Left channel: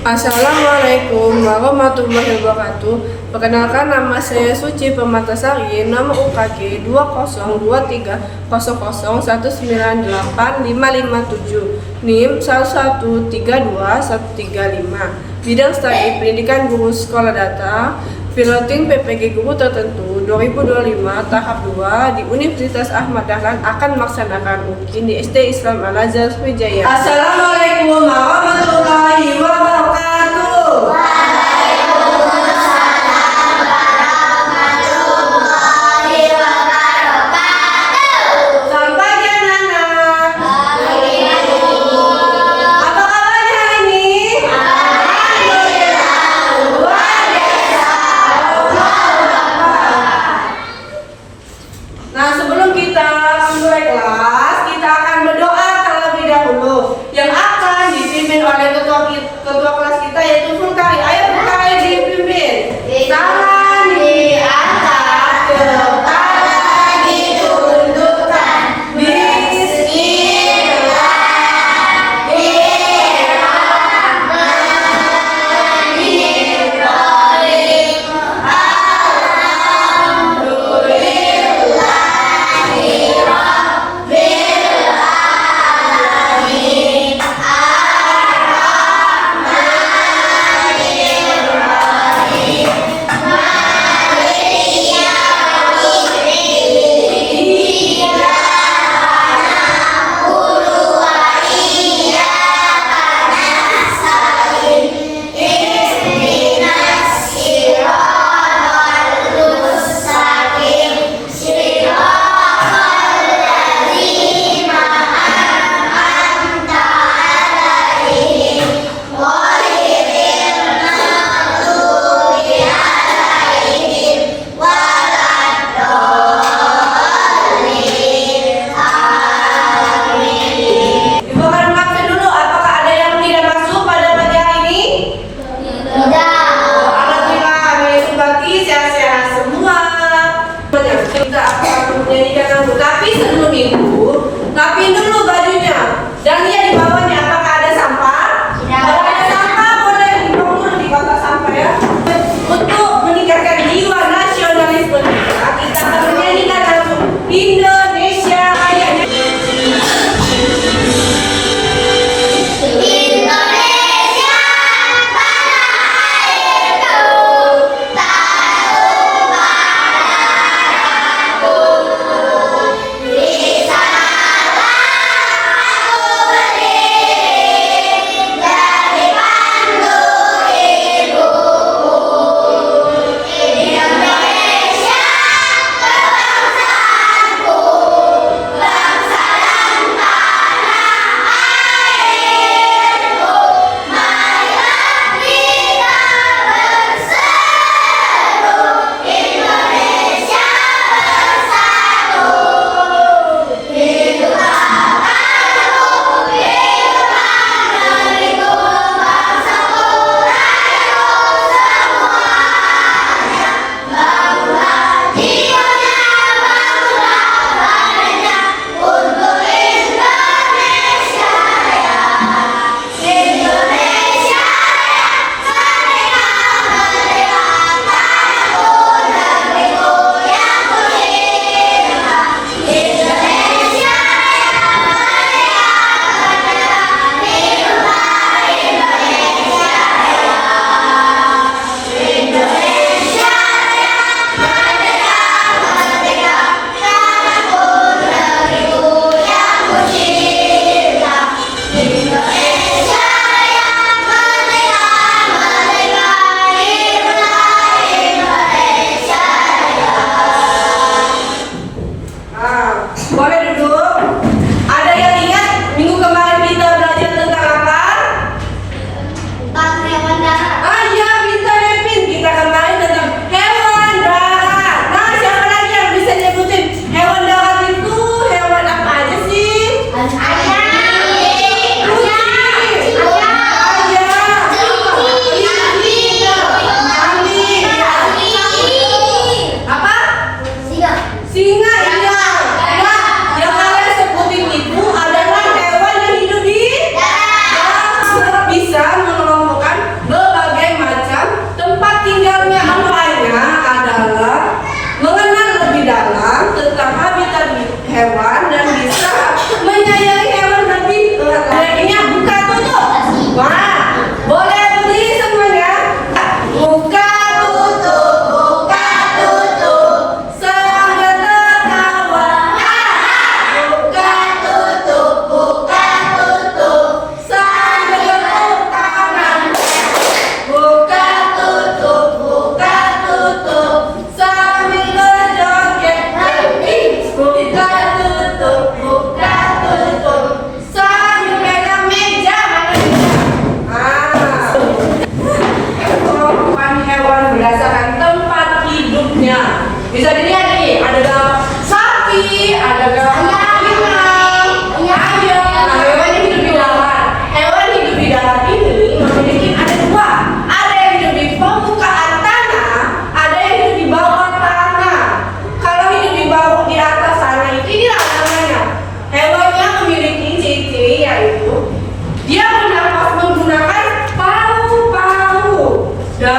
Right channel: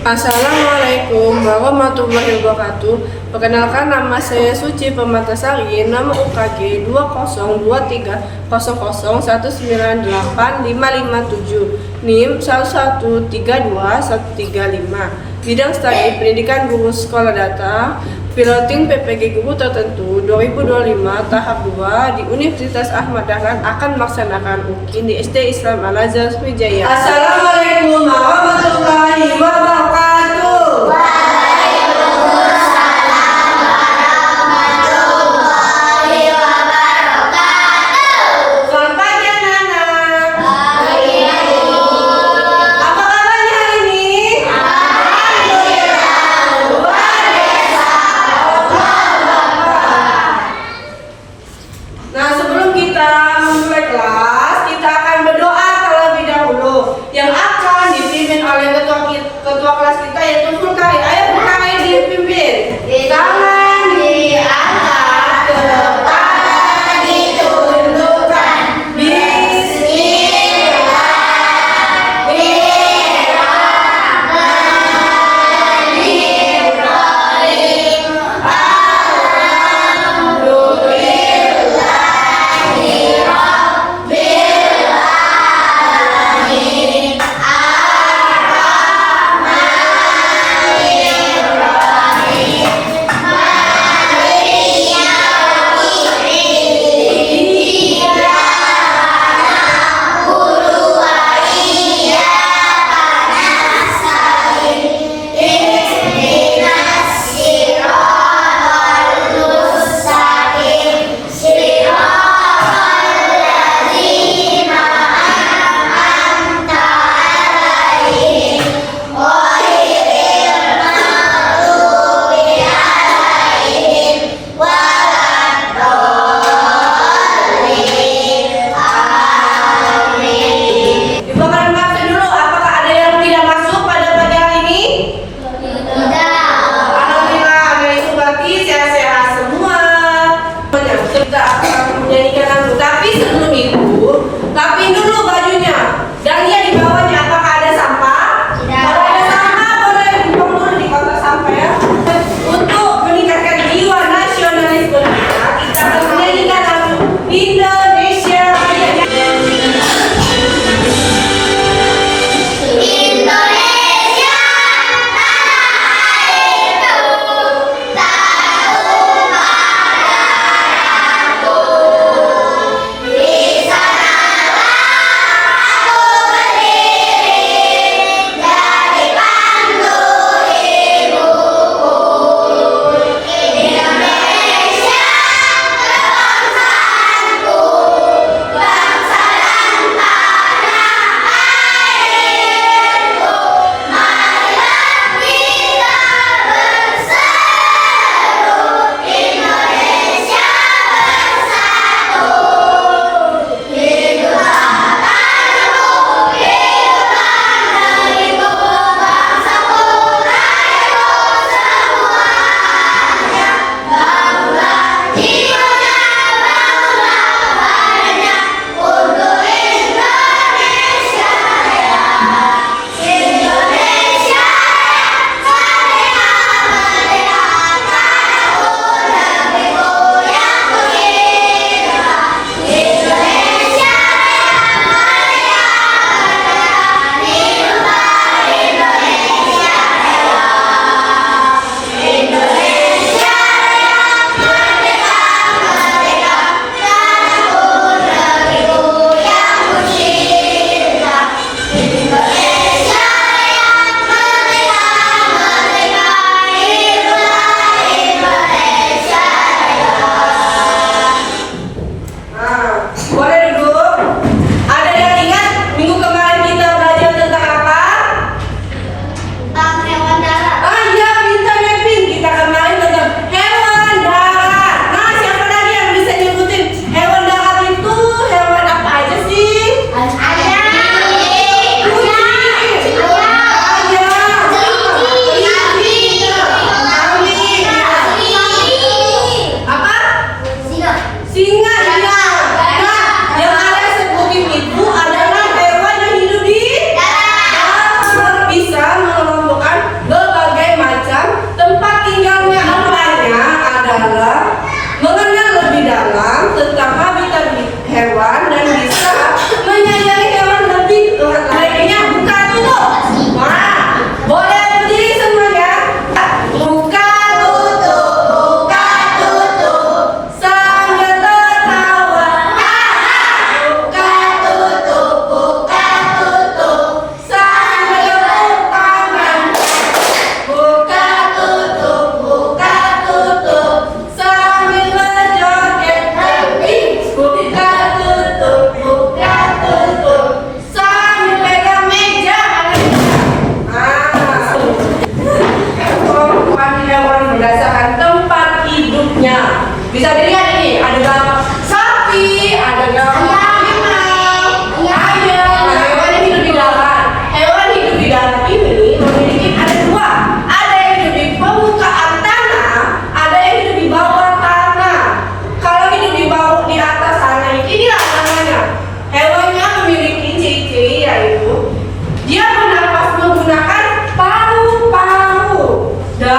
Assalamualaikum warahmatullahi wabarakatuh. Perkenalkan, nama saya Suci Permatasari, nomor UKG 2023001985557, NIM 1132135. Bidang studi pendidikan guru sekolah data, piloting PPG guru tertentu 2025 tahap 2 di Universitas Ahmad Dahlan akan melaksanakan UKIN di SD Islam Al-Azhar Sriwijaya. Assalamualaikum warahmatullahi wabarakatuh. Selamat pagi anak-anak. Apa kabarnya hari ini? Nah, sebelum kita memulai kelas, kita akan berdoa terlebih dahulu yang akan dipimpin oleh ketua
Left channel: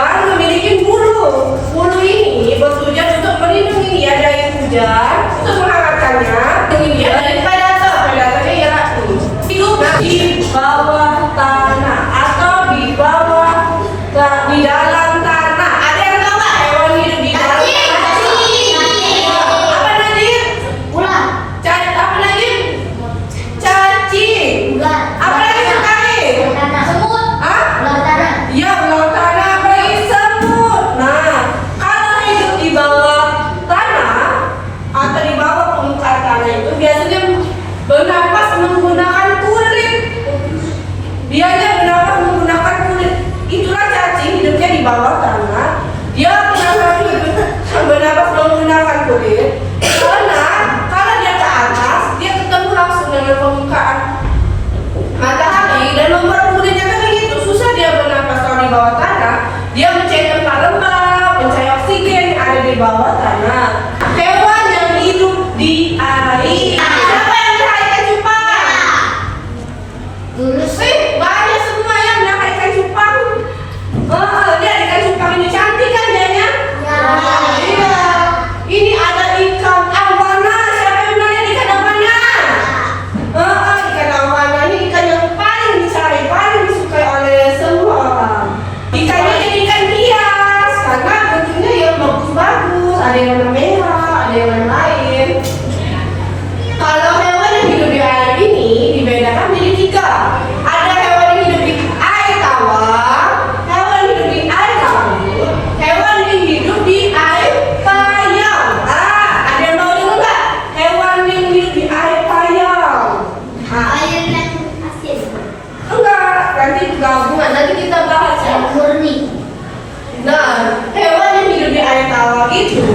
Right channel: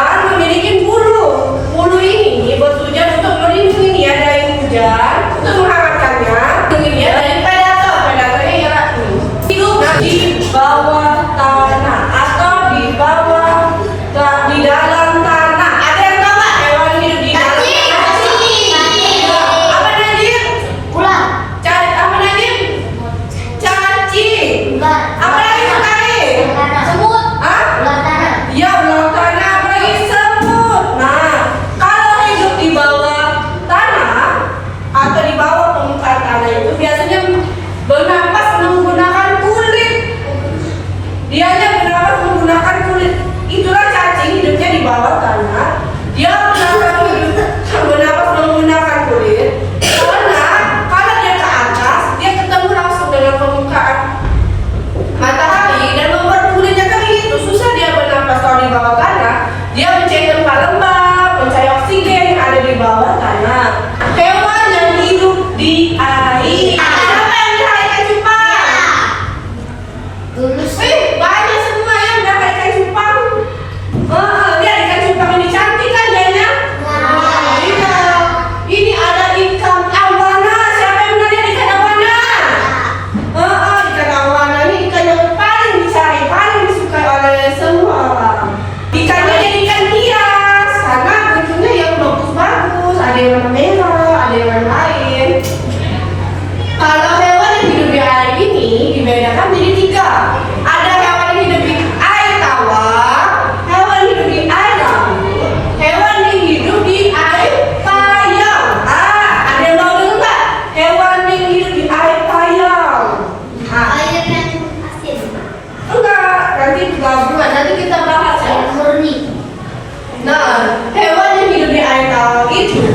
dan memiliki bulu. Bulu ini bertujuan untuk melindungi dia dari hujan, untuk menghangatkannya, melindungi dia dari predator. Predatornya ialah hidup di bawah tanah atau di dalam tanah. Ada yang tahu nggak hewan hidup di dalam tanah? Apa Najib? Ular. Apa Najib? Cacing. Ular. Apa lagi sekali? Tanah. Semut. Hah? Ular tanah. Ya, ular tanah, apalagi semut. Nah, kalau hidup di bawah tanah atau di bawah permukaan tanah itu biasanya bernapas menggunakan kulit. Dianya bernapas menggunakan kulit. Itulah cacing, hidupnya di bawah tanah. Dia bernapas menggunakan kulit. Karena kalau dia ke atas, dia ketemu langsung dengan permukaan matahari dan membuat kulitnya kan begitu. Susah dia bernapas kalau di bawah tanah. Dia mencari tempat lembab, mencari oksigen yang ada di bawah tanah. Hewan yang hidup di air. Siapa yang melihara ikan cupang? Lulus. Banyak semua yang melihara ikan cupang. Lihat ikan cupang ini cantik kan dianya? Iya. Ini ada ikan awana. Siapa yang melihat ikan awana? Ikan awana ini ikan yang paling dicari, paling disukai oleh semua orang. Ikannya jadi ikan hias karena bentuknya yang bagus-bagus. Ada yang warna merah, ada yang warna lain. Kalau hewan yang hidup di air ini dibedakan jadi 3. Ada hewan yang hidup di air tawar, hewan yang hidup di air laut, hewan yang hidup di air payau. Ada yang mau dengar nggak? Hewan yang hidup di air payau. Air yang asin. Enggak, nanti gabungan, nanti kita bahas ya. Air murni. Nah, hewan yang hidup di air tawar itu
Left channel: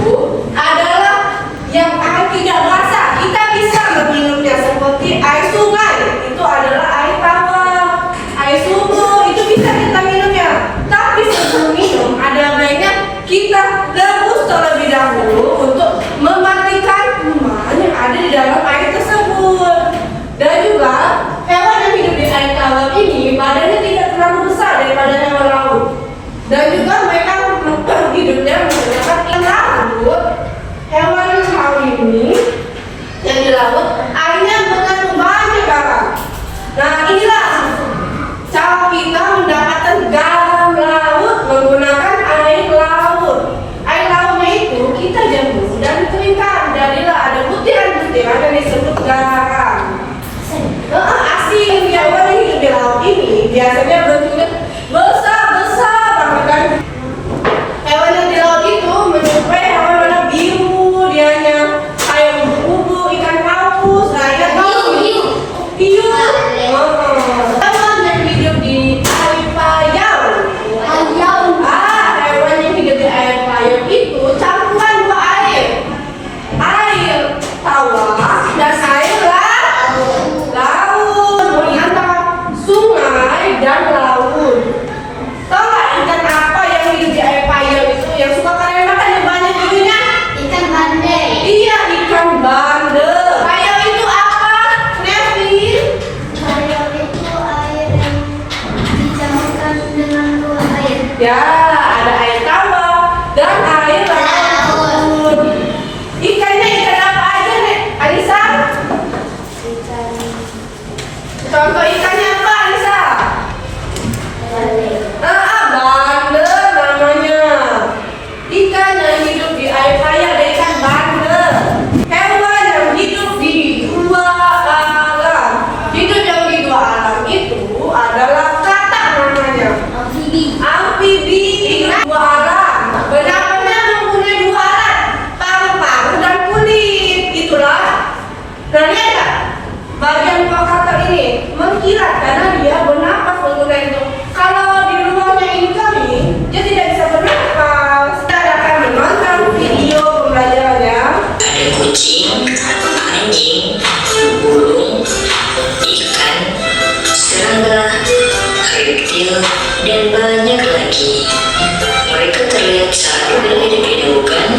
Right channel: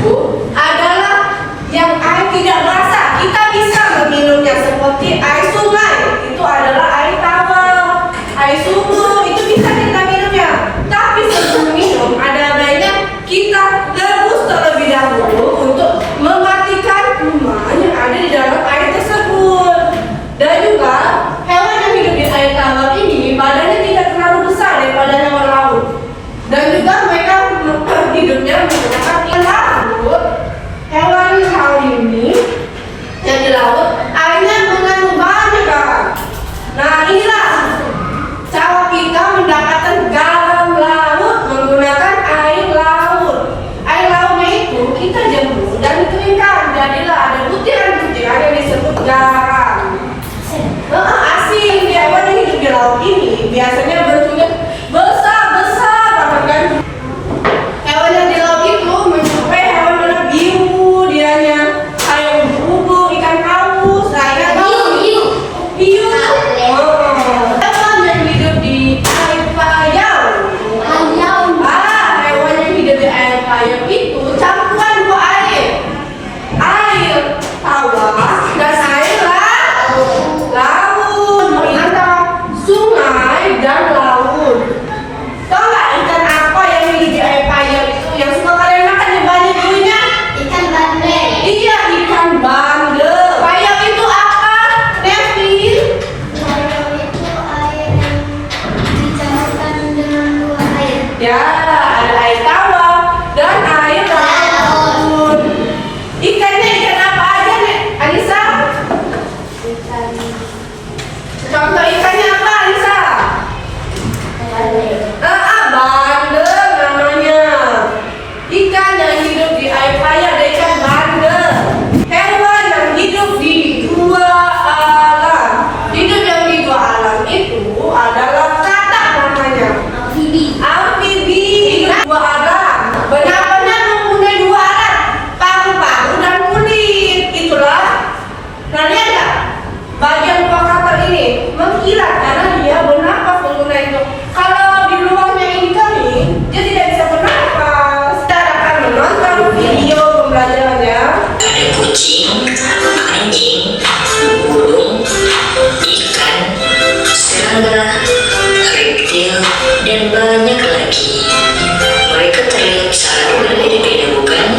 adalah yang air tidak basah. Kita bisa meminumnya seperti air sungai. Itu adalah air tawar. Air sumur itu bisa kita minumnya. Tapi sebelum minum ada baiknya kita rebus terlebih dahulu untuk mematikan kuman yang ada di dalam air tersebut. Dan juga hewan yang hidup di air tawar ini badannya tidak terlalu besar daripada hewan laut. Dan juga mereka hidupnya menggunakan ikan laut. Hewan laut ini yang di laut airnya mengandung banyak garam. Nah, inilah cara kita mendapatkan garam laut menggunakan air laut. Air lautnya itu kita jemur dan dikeringkan. Jadilah ada butiran-butiran yang disebut garam. Asin. Hewan yang hidup di laut ini biasanya bentuknya besar-besar banget kan. Hewan yang di laut itu menyerupai hewan warna biru dianya, kayak ubu, ikan paus, ikan Hiu. hiu. Hewan yang hidup di air payau. Hewan yang hidup di air payau itu campuran 2 air. Air tawar dan air laut. Antara sungai dan laut. Tahu nggak ikan apa yang hidup di air payau itu yang suka kalian makan yang banyak dulunya? Ikan bandeng. Iya, ikan bandeng. Payau itu apa, Nevin? Payau itu air yang dicampurkan dengan 2 air. Ya, ada air tawar dan air laut. Ikannya ikan apa aja, Nek? Anissa? Ikan Contoh ikannya apa, Anissa? bandeng. Bandeng namanya. Ikan yang hidup di air payau ada ikan bandeng. Hewan yang hidup di 2 alam. Hidup yang di 2 alam itu adalah katak namanya. Amfibi. Amfibi hidup 2 alam. Bernapasnya mempunyai 2 alat, paru-paru dan kulit. Itulah. Nah, lihat nggak? Bagian katak ini mengkilat karena dia bernapas menggunakan itu. Kalau di luarnya ini kami, dia tidak bisa bernapas. Kita akan menonton video pembelajarannya. Ada kucing, anjing, burung, ikan, serangga, reptil, dan banyak lagi. Mereka terlihat sangat berbeda-beda, bukan?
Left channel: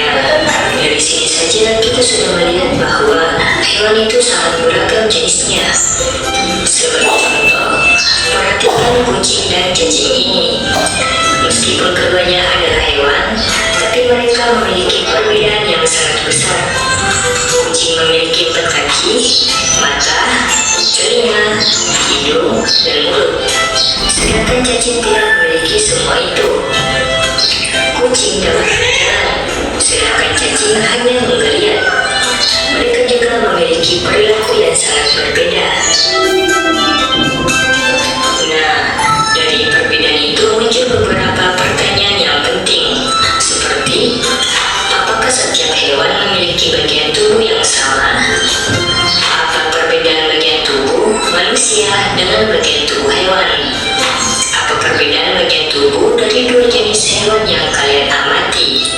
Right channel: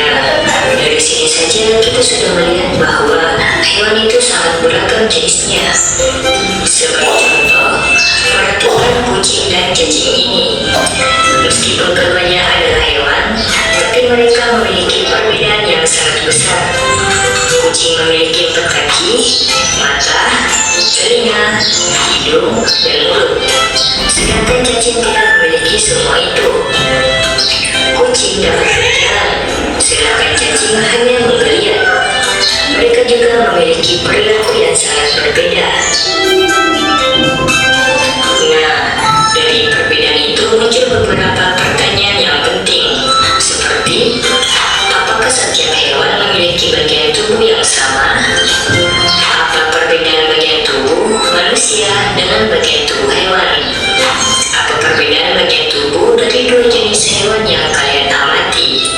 Nah, dari sini saja kita sudah melihat bahwa hewan itu sangat beragam jenisnya. Sebagai contoh, perhatikan kucing dan cacing ini. Meskipun keduanya adalah hewan, tapi mereka memiliki perbedaan yang sangat besar. Kucing memiliki 4 kaki, mata, telinga, hidung, dan mulut. Sedangkan cacing tidak memiliki semua itu. Kucing dapat berjalan, sedangkan cacing hanya menggeliat. Mereka juga memiliki perilaku yang sangat berbeda. Nah, dari perbedaan itu muncul beberapa pertanyaan yang penting, seperti apakah setiap hewan memiliki bagian tubuh yang sama? Apa perbedaan bagian tubuh manusia dengan bagian tubuh hewan? Apa perbedaan bagian tubuh dari 2 jenis hewan yang kalian amati?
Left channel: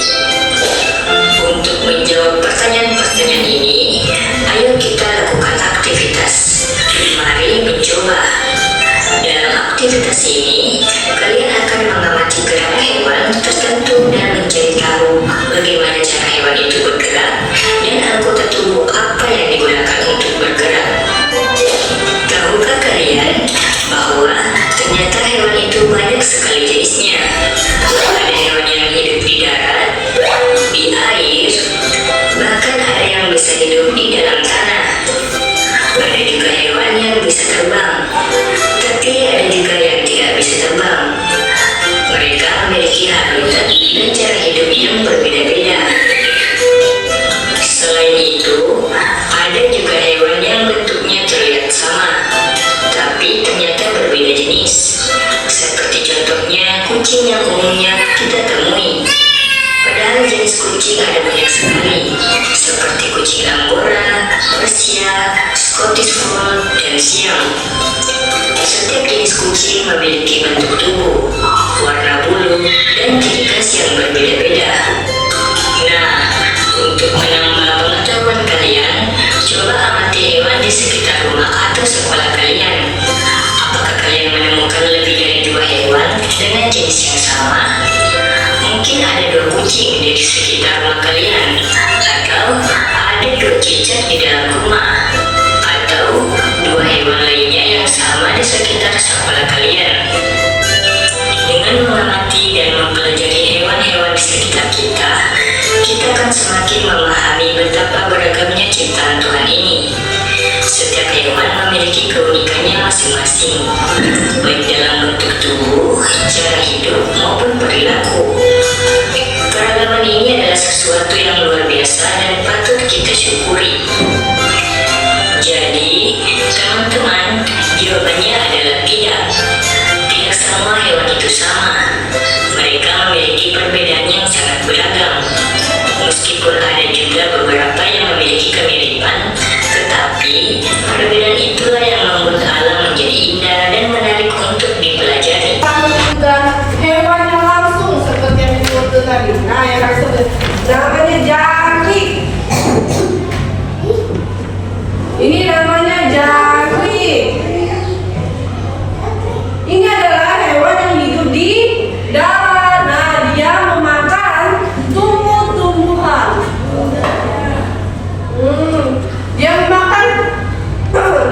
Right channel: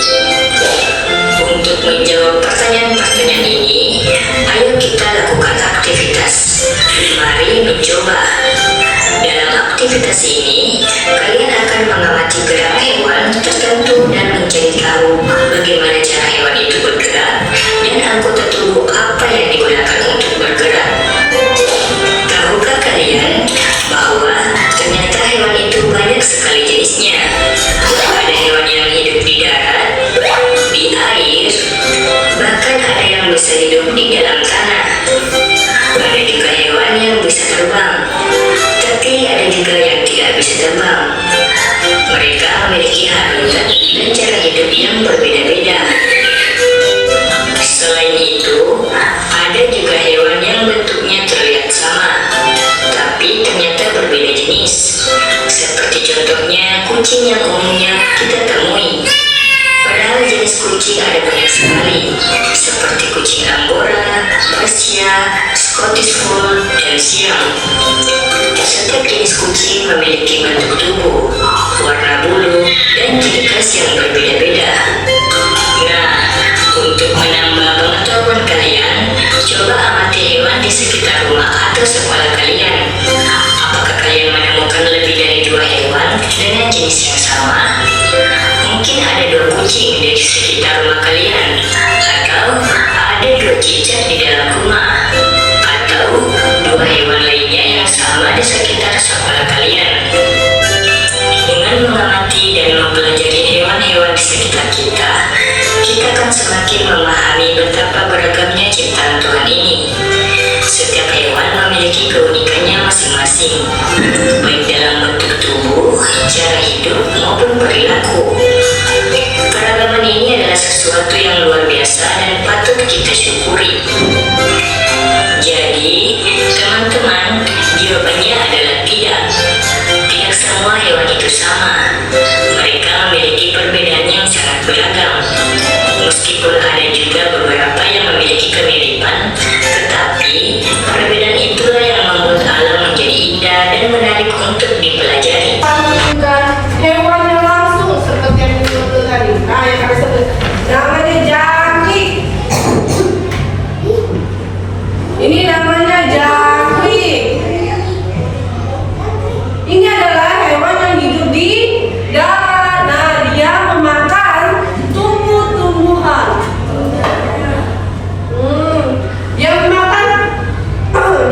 Untuk menjawab pertanyaan-pertanyaan ini, ayo kita lakukan aktivitas. Mari mencoba. Dalam aktivitas ini, kalian akan mengamati gerak hewan tertentu dan mencari tahu bagaimana cara hewan itu bergerak dan anggota tubuh apa yang digunakan untuk bergerak. Tahukah kalian bahwa ternyata hewan itu banyak sekali jenisnya? Ada hewan yang hidup di darat, di air, bahkan ada yang bisa hidup di dalam tanah. Ada juga hewan yang bisa terbang, tapi ada juga yang tidak bisa terbang. Mereka memiliki habitat dan cara hidup yang berbeda-beda. Selain itu, ada juga hewan yang bentuknya terlihat sama, tapi ternyata berbeda jenis. Seperti contohnya kucing yang umumnya kita temui. Padahal jenis kucing ada banyak sekali, seperti kucing Angora, Persia, Scottish Fold, dan Siam. Setiap jenis kucing memiliki bentuk tubuh, warna bulu, dan ciri khas yang berbeda-beda. Nah, untuk menambah pengetahuan kalian, coba amati hewan di sekitar rumah atau sekolah kalian. Apakah kalian menemukan lebih dari 2 hewan dengan jenis yang sama? Mungkin ada 2 kucing di sekitar rumah kalian, atau ada 2 cicak di dalam rumah, atau 2 hewan lainnya yang sama di sekitar sekolah kalian. Dengan mengamati dan mempelajari hewan-hewan di sekitar kita, kita akan semakin memahami betapa beragamnya ciptaan Tuhan ini. Setiap hewan memiliki keunikannya masing-masing, baik dalam bentuk tubuh, cara hidup, maupun perilaku. Keragaman ini adalah sesuatu yang luar biasa dan patut kita syukuri. Jadi, teman-teman, jawabannya adalah tidak. Tidak semua hewan itu sama. Mereka memiliki perbedaan yang sangat beragam. Meskipun ada juga beberapa yang memiliki kemiripan, tetapi perbedaan itulah yang membuat alam menjadi indah dan menarik untuk dipelajari. Dan hewannya langsung seperti yang disebut tadi. Nah, yang kami sebut namanya jangkrik. Ini namanya jangkrik. Ini adalah hewan yang hidup di darat. Nah, dia memakan tumbuh-tumbuhan.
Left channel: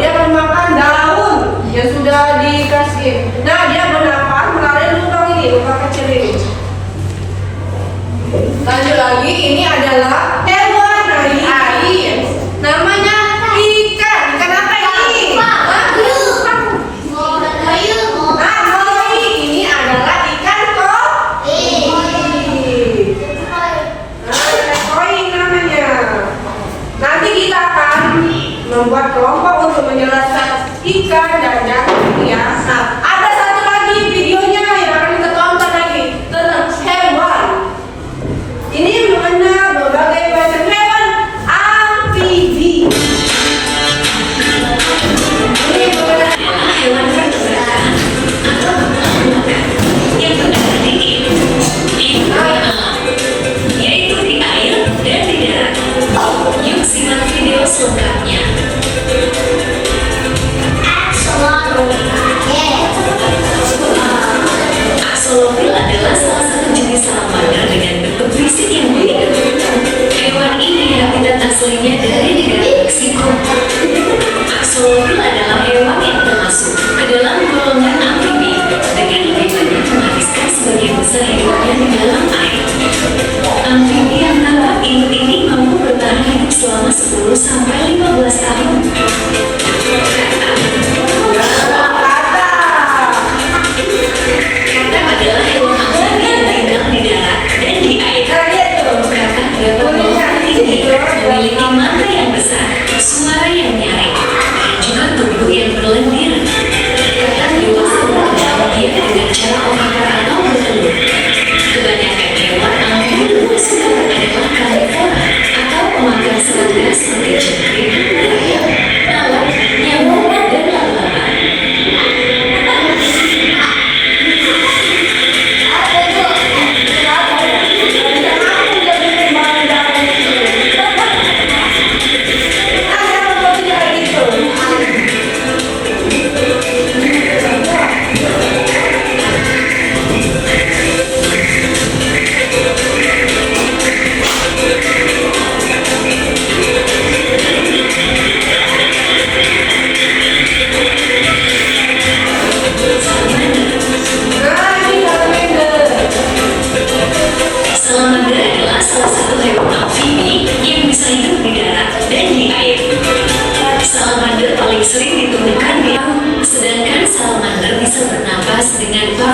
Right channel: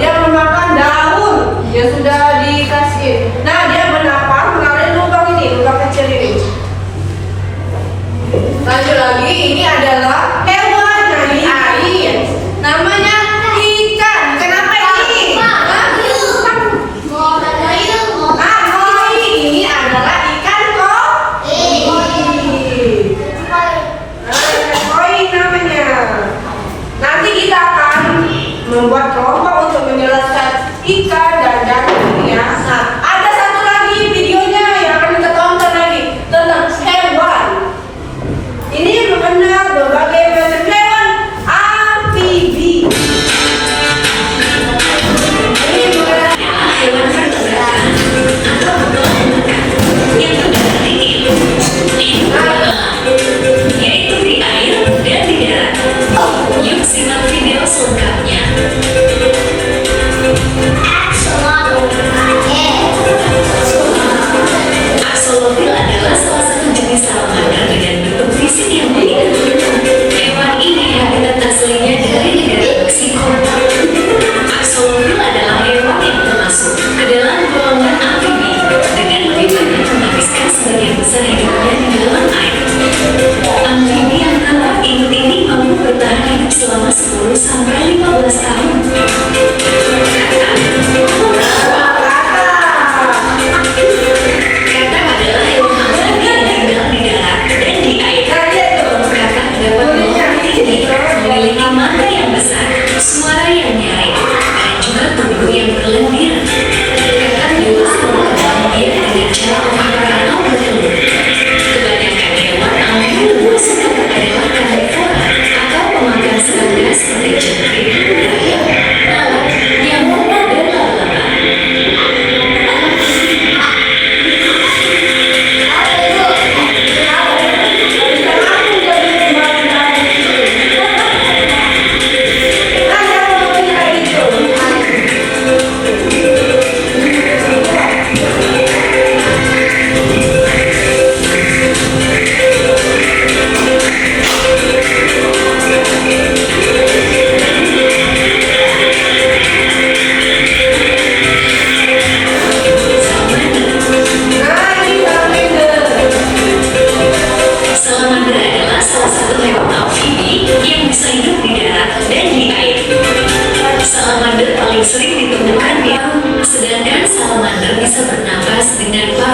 Dia memakan daun yang sudah dikasih. Nah, dia menapak melalui lubang ini, lubang kecil ini. Lanjut lagi, ini adalah hewan dari air. Namanya ikan. Ikan apa ini? Koi. Ini adalah ikan koi. Nah, ikan koi namanya. Nanti kita akan membuat kelompok untuk menjelaskan ikan dan jangkrik ya. Nah, ada satu lagi videonya yang akan kita tonton lagi tentang hewan. Ini mengenal berbagai macam hewan amfibi. Ini mengenal Hewan vertebrata atau pengelola yang terdapat di yaitu di air dan di darat. Yuk simak video selengkapnya. Axolotl adalah salah satu jenis salamandra dengan bentuk fisik yang unik. Hewan ini habitat aslinya dari negara Meksiko. Axolotl adalah hewan yang termasuk ke dalam golongan amfibi dengan lebih banyak menghabiskan sebagian besar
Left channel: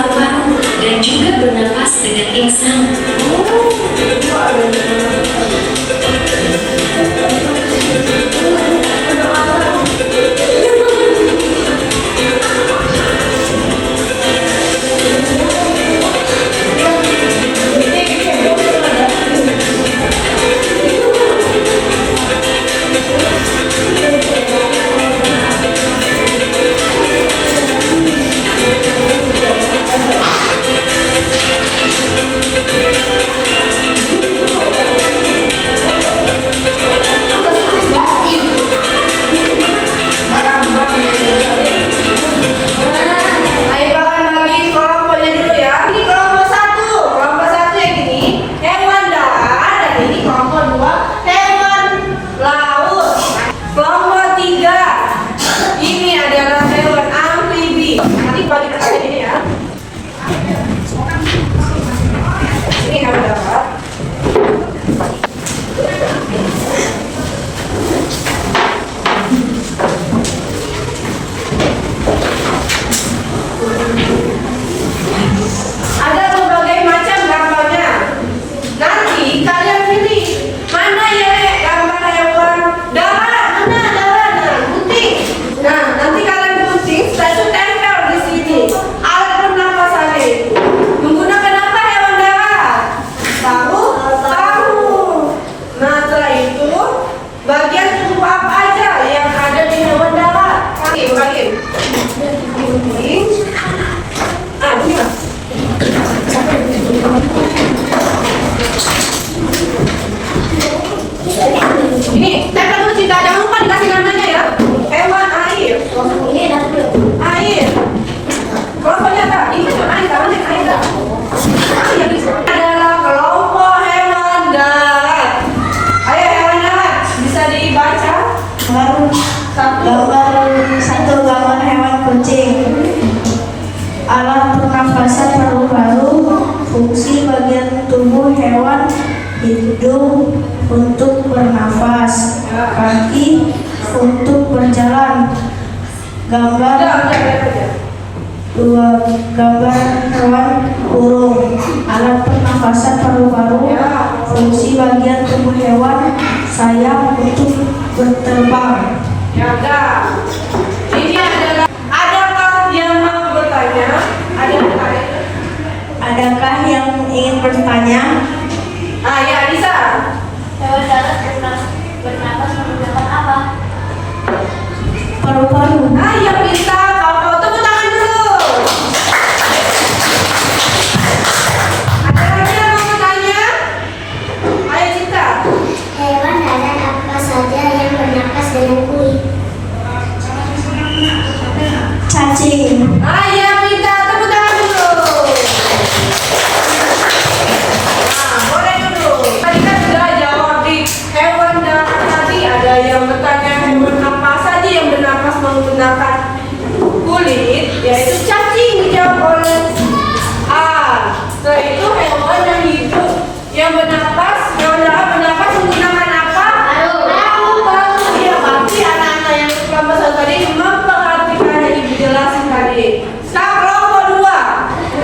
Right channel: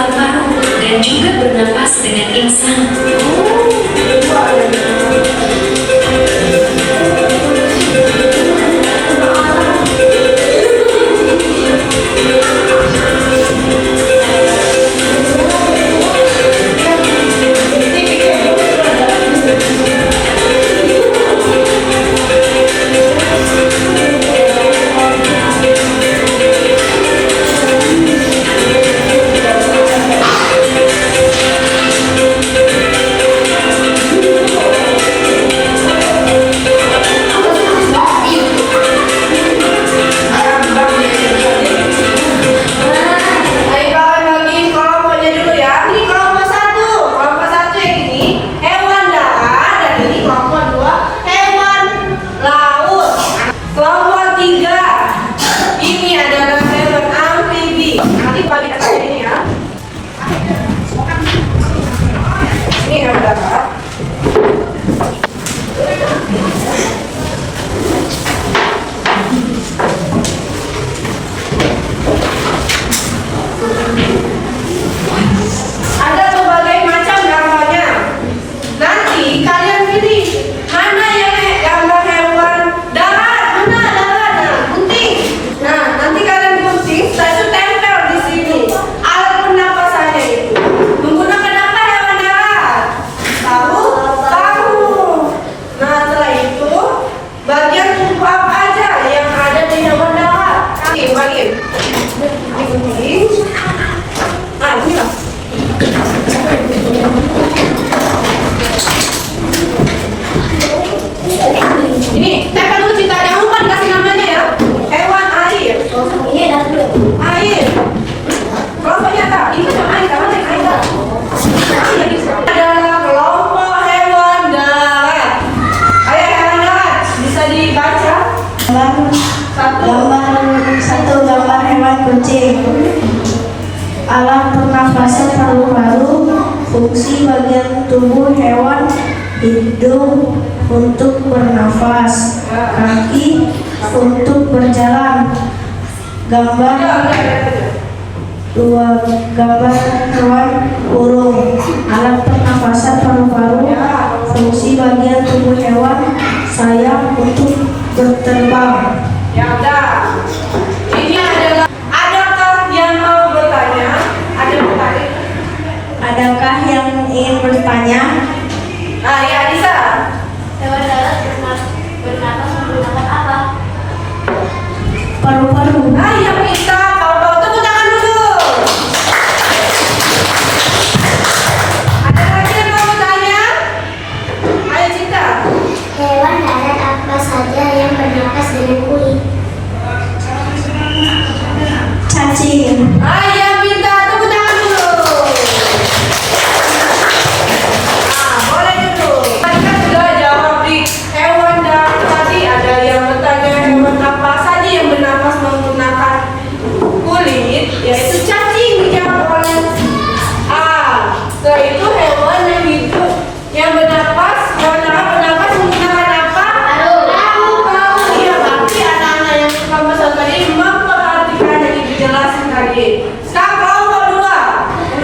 paru-paru dan juga bernapas dengan insan. Ini, saya kan dulu cerita, jangan lupa dikasih namanya ya. Hewan air. Air. Kelompoknya apa? Ini kan air, kamu yang air. Adalah kelompok hewan darat. Ayo hewan darat, bisa dibaca? Gambar hewan kucing. Alat pernafasan paru-paru, fungsi bagian tubuh hewan, hidung untuk bernafas, kaki untuk berjalan. Gambar hewan burung. Alat pernafasan paru-paru, fungsi bagian tubuh hewan, sayap untuk berterbang. Ya udah. Ini adalah. Adakah yang mau bertanya? Ada bertanya? Adakah yang ingin bertanya? Ah ya, bisa. Hewan darat bernapas menggunakan apa? Paru-paru. Ah ya, bisa. Kau tepuk tangan dulu. Ada lagi yang mau bertanya? Ayo Cinta. Hewan darat apa saja yang bernapas dengan kulit? Cacing. Ayo minta tepuk tangan dulu. Nah, boleh dulu. Tadi kan sudah jawab di hewan darat tadi. Ada yang bertanya hewan apa saja yang bernapas menggunakan kulit, yaitu cacing dijawab oleh A. Setelah itu hewan yang hidup yang bernapas, hewan darat bernapas menggunakan apa? Paru-paru. Ya, berarti anak-anak yang kelompok satu tadi memperhatikan yang dijelasin tadi. Sekarang kelompok dua.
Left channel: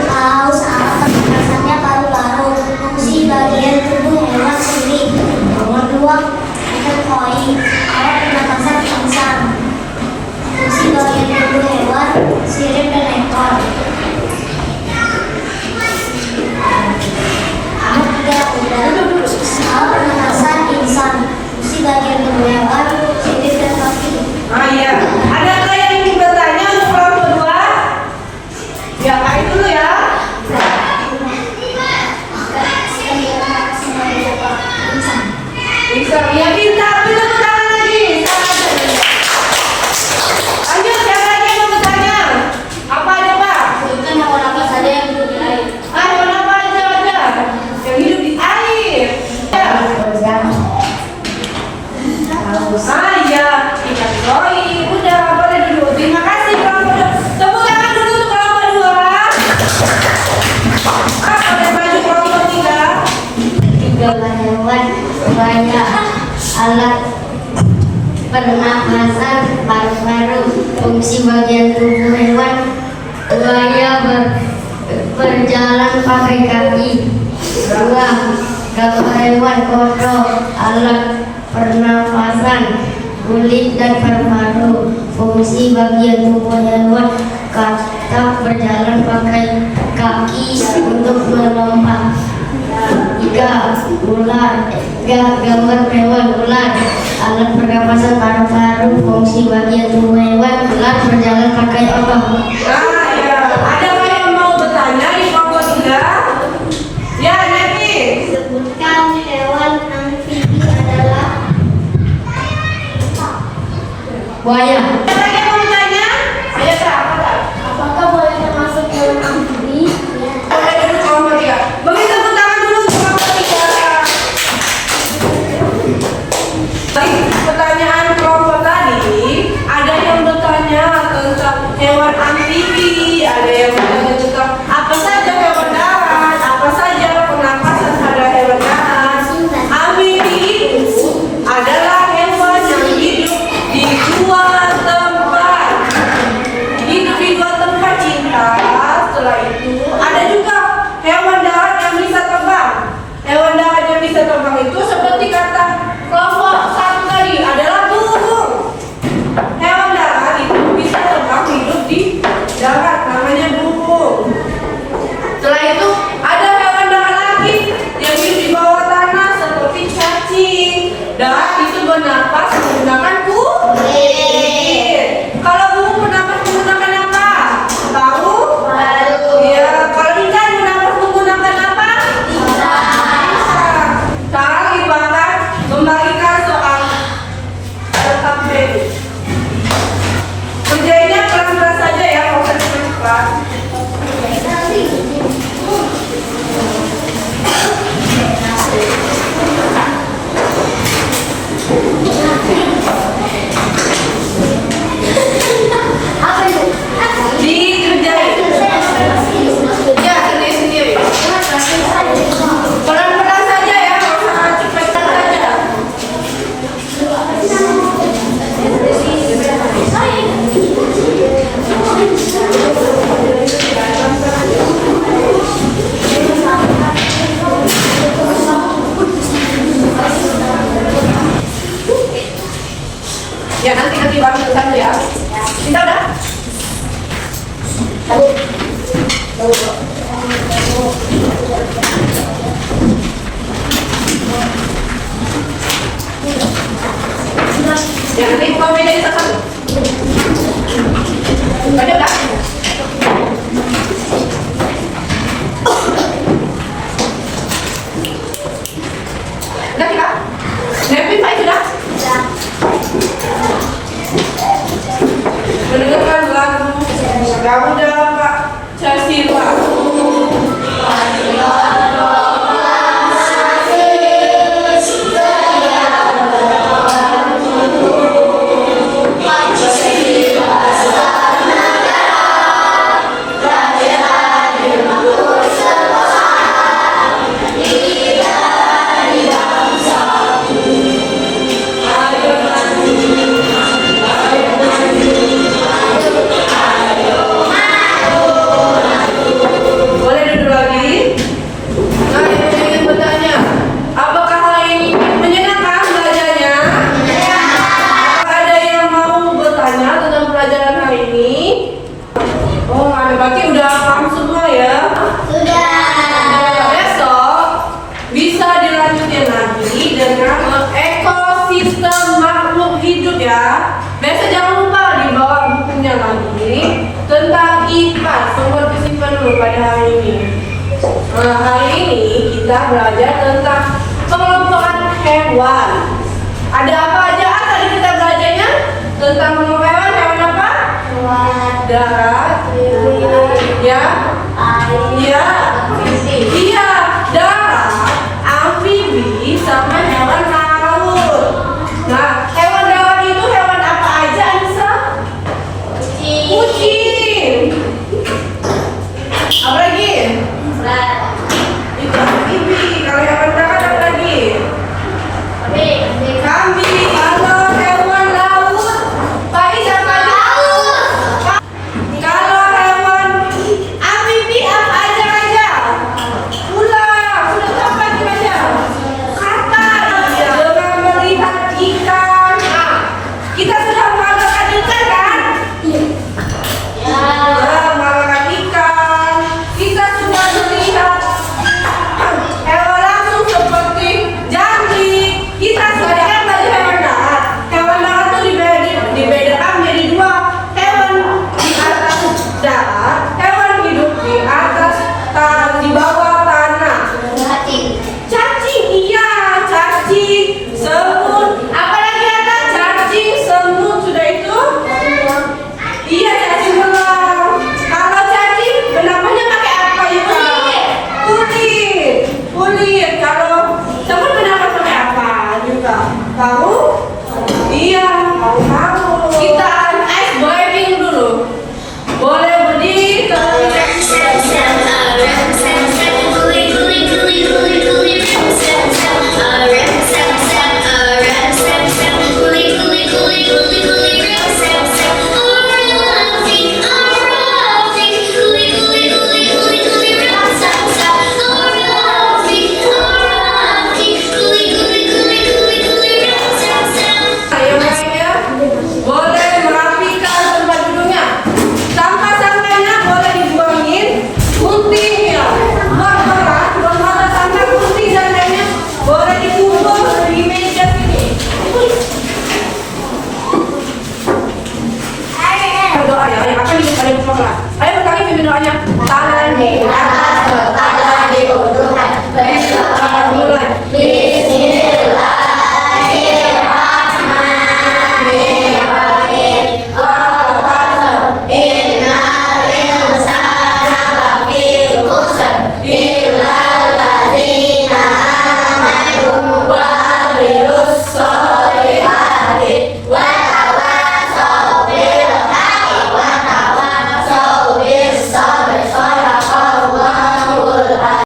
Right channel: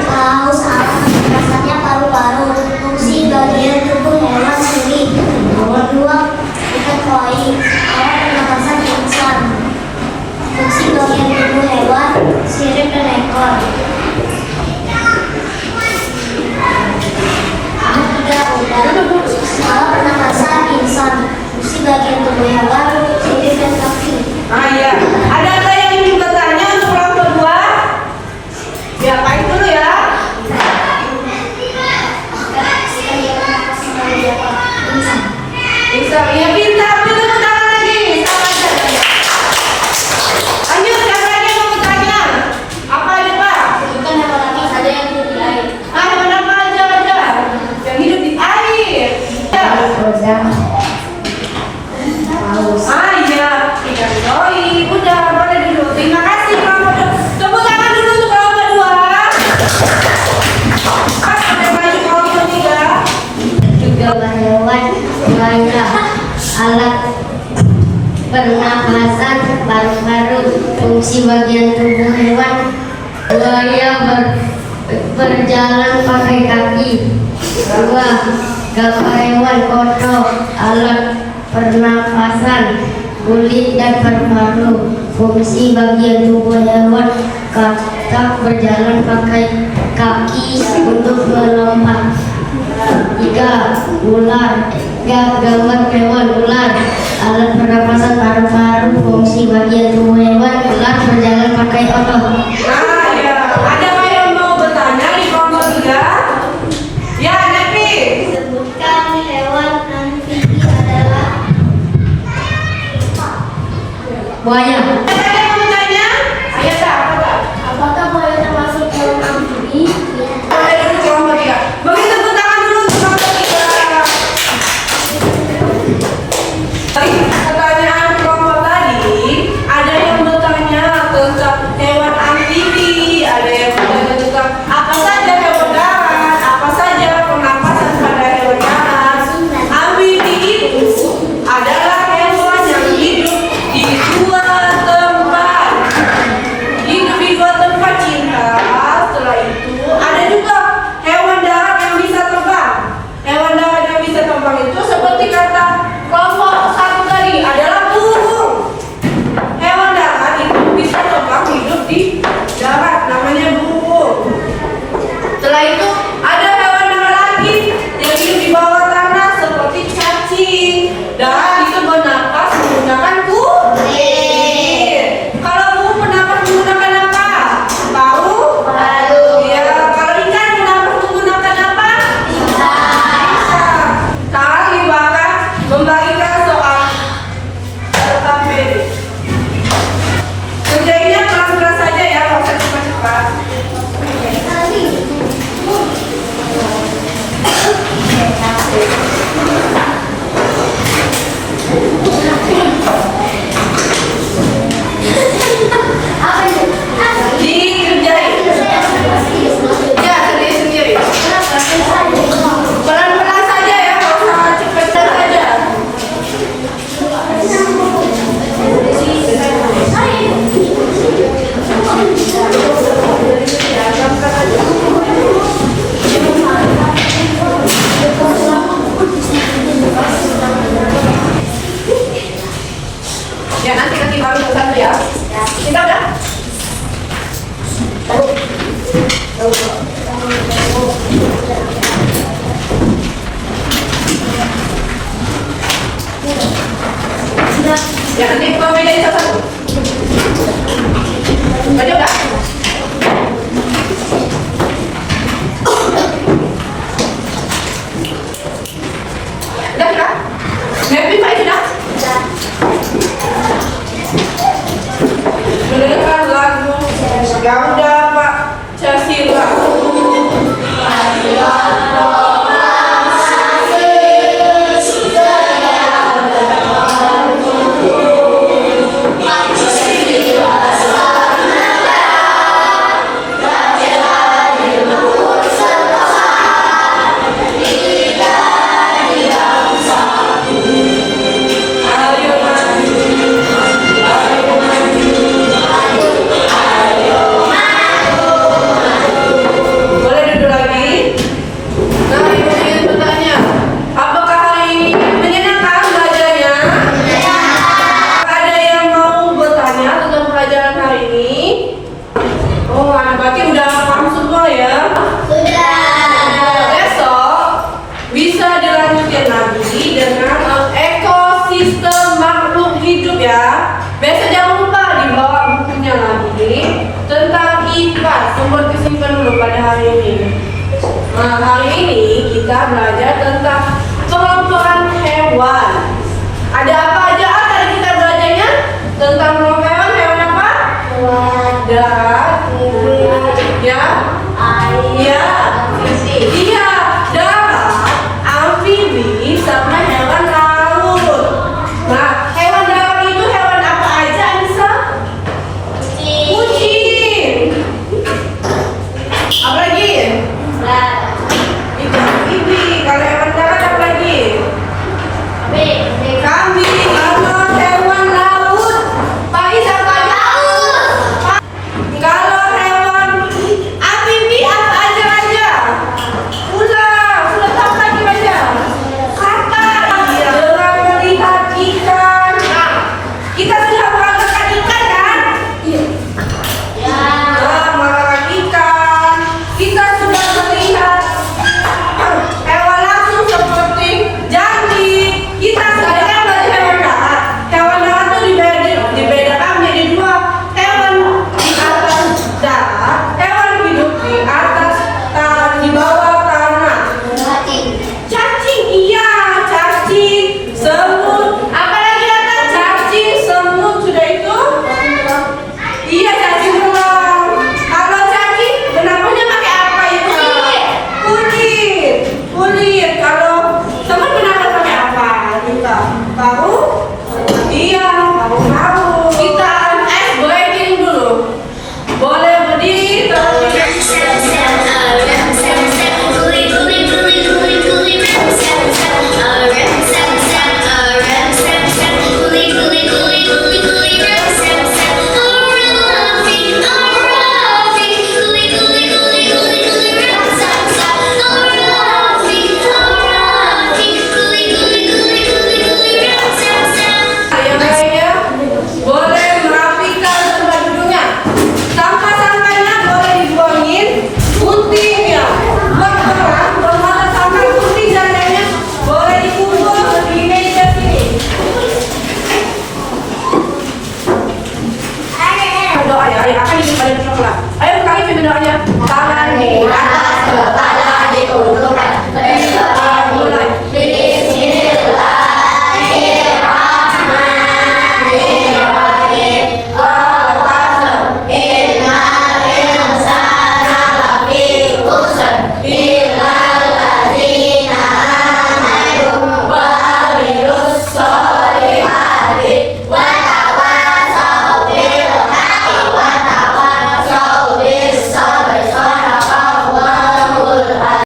Paus, alat pernapasannya paru-paru. Fungsi bagian tubuh hewan kulit. Nomor 2, itu koi. Alat pernapasan insan. Fungsi bagian tubuh hewan sirip dan ekor. Nomor 3, udara. Alat pernapasan insan. Fungsi bagian tubuh hewan sirip dan kaki. Ah iya. Ada yang ingin bertanya untuk kelompok dua? Ya, baik dulu ya. Bisa. Ya, pintar. Tepuk tangan lagi. Lanjut, siapa lagi yang mau bertanya? Apa aja, Pak? Bukan hewan apa saja yang hidup di air. Ah, hewan apa aja? Yang hidup di air. Ya. Ah iya, ikan koi. Udah, boleh dulu. Terima kasih kelompok dua. Tepuk tangan dulu untuk kelompok dua. Ah, ada lagi kelompok tiga. Juga hewan banyak alat pernapasan paru-paru. Fungsi bagian tubuh hewan buaya berjalan pakai kaki. 2. Gambar hewan kodok, alat pernafasan, kulit dan paru-paru. Fungsi bagian tubuh hewan katak berjalan pakai kaki untuk melompat. 3. Ular. Gambar hewan ular, alat pernapasan, paru-paru. Fungsi bagian tubuh hewan ular berjalan pakai otot. Nah, ya. Ada nggak yang mau bertanya di kelompok 3? Ya, Nevi. Sebutkan hewan amfibi adalah buaya. Ada yang mau bertanya? Ayo, Kak. Apakah buaya termasuk hewan amfibi? Ayo dulu kelompok 3. Bagi tepuk tangan dulu untuk kelompok 3. Baik, pertanyaan kelompok tadi, ada yang bertanya tentang hewan amfibi, ada yang bertanya tentang apa saja hewan darat, apa saja pernapasan pada hewan darat. Amfibi itu adalah hewan yang hidup di dua tempat. Hidup di dua tempat, cinta. Setelah itu ada juga hewan darat yang bisa terbang. Hewan darat yang bisa terbang itu seperti kata kelompok 1 tadi adalah burung. Hewan darat itu bisa terbang, hidup di darat, namanya burung. Setelah itu ada hewan darat lagi yang hidup di bawah tanah seperti cacing. Dan itu bernapas menggunakan kulit. Kalau burung bernapas menggunakan apa? Tahu? Ya, kalau ikan bernapas menggunakan apa? Bisa. Sekarang Ibu akan membagikan soal sampai. Kerjainnya pelan-pelan saja ya, nggak usah cepat-cepat. Dikerjain. Ya, sendiri-sendiri. Pelan-pelan saja ya, nggak usah cepat saja. Ya, nanti baru kita ya. Kita udah? Ya, nanti buka meja satu-satu. Baca udah? Udah kita? Nevi, baik sudah? Mendengarkan lagu Garuda Pak Casila. Boleh duduk lagi? Nah, Ibu ingin bertanya, apakah hari ini menyenangkan belajarnya? Ada yang mau bertanya tentang pelajaran hari ini? Oh, berarti udah paham semua ya? Besok bisa dilanjutin lagi dengan ekosistem makhluk hidup ya. Besok jangan lupa dibawa bukunya lagi tentang IPA, sumber kesimpulan dulu pada hari ini. Nah, hari ini kita belajar tentang kelompokan hewan. Ada apa aja tadi kita belajarnya? Tentang kelompok hewan, hewan apa? Darat. Ya. Iya. Iya, darat, amfibi, sama hewan laut. Nah, hewan darat itu hewan apa aja, Anissa? Kucing. Apa lagi?